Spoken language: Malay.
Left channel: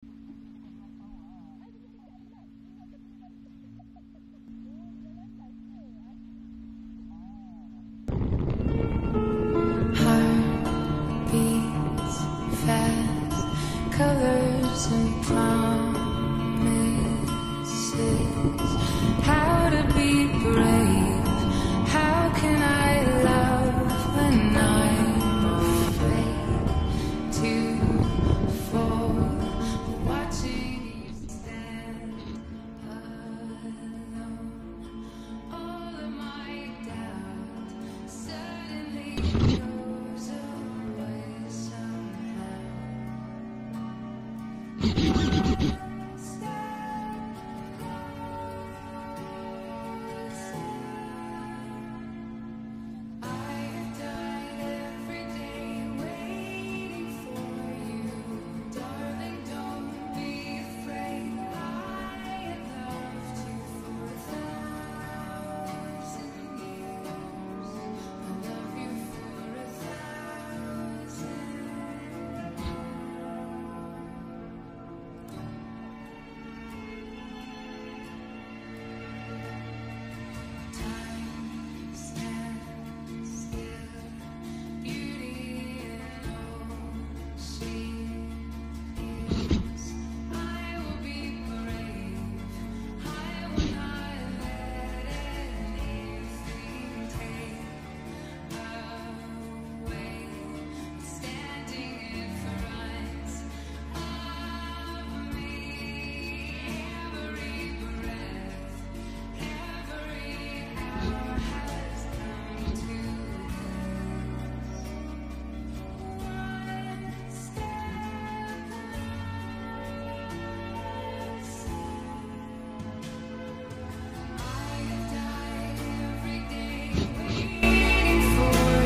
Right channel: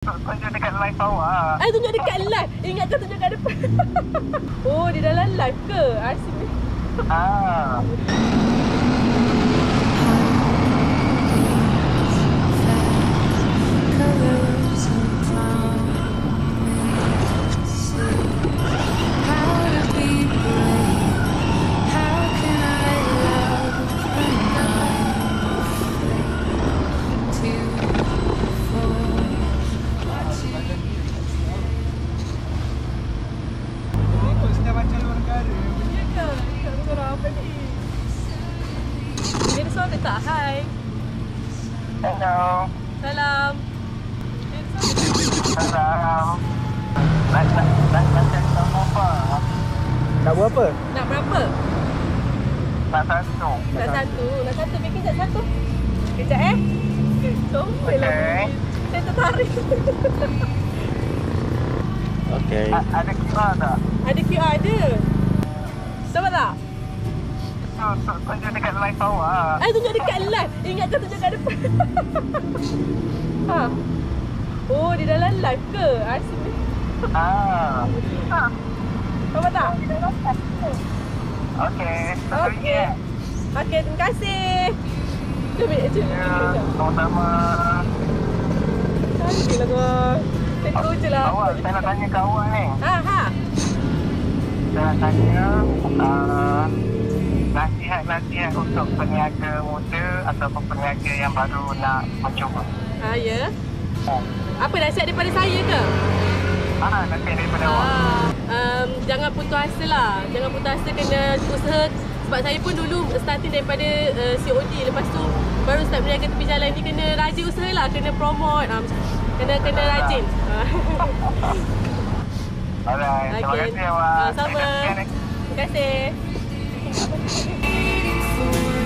Tunjuk dekat live bawah. Tunjuk dekat live. Ingatkan tunjuk kat depan. Oh, di dalam live ke? Asyik. Colors and promises. How to be brave? How can I love when I'm afraid to fall? Watching. Sudah baca luar negara. Ya ke? Kat korang apa ni? Dia suara tak? Hai. Hello. Salam. Salam. Nak apa? Nak buat apa? Nak berapa? Nak satu. Nak satu. Nak satu. Bikin sekejap satu. Sekejap Comel lah. Okay. Saya tertarik. Okay. Ada QR tak? Ada QR ada. Dapat tak? Tunjuk dekat live bawah. Tunjuk dekat live. Ingatkan tunjuk kat depan. Ha. Oh, di dalam live ke? Asyik. Dapat tak? Okay. Okey. Okey, terima kasih. Jom. Sama-sama. Cantik lah kau. Tengok je lah. Awak, saya nak tanya kat awak ni. Ha. Saya nak tanya nasihat untuk peniaga muda ataupun peniaga yang baru nak mencuba. Ya. Apa nasihat daripada saya ke? Nasihat daripada awak. Jangan putus asa lah. Jangan putus asa, kena usaha. Sebab saya pun dulu starting daripada COD. Lepas tu baru start berniaga tepi jalan ni. Kena rajin usaha lah. Kena promote. Kena rajin. Alright, terima kasih awak. Sama. Terima kasih. Waiting for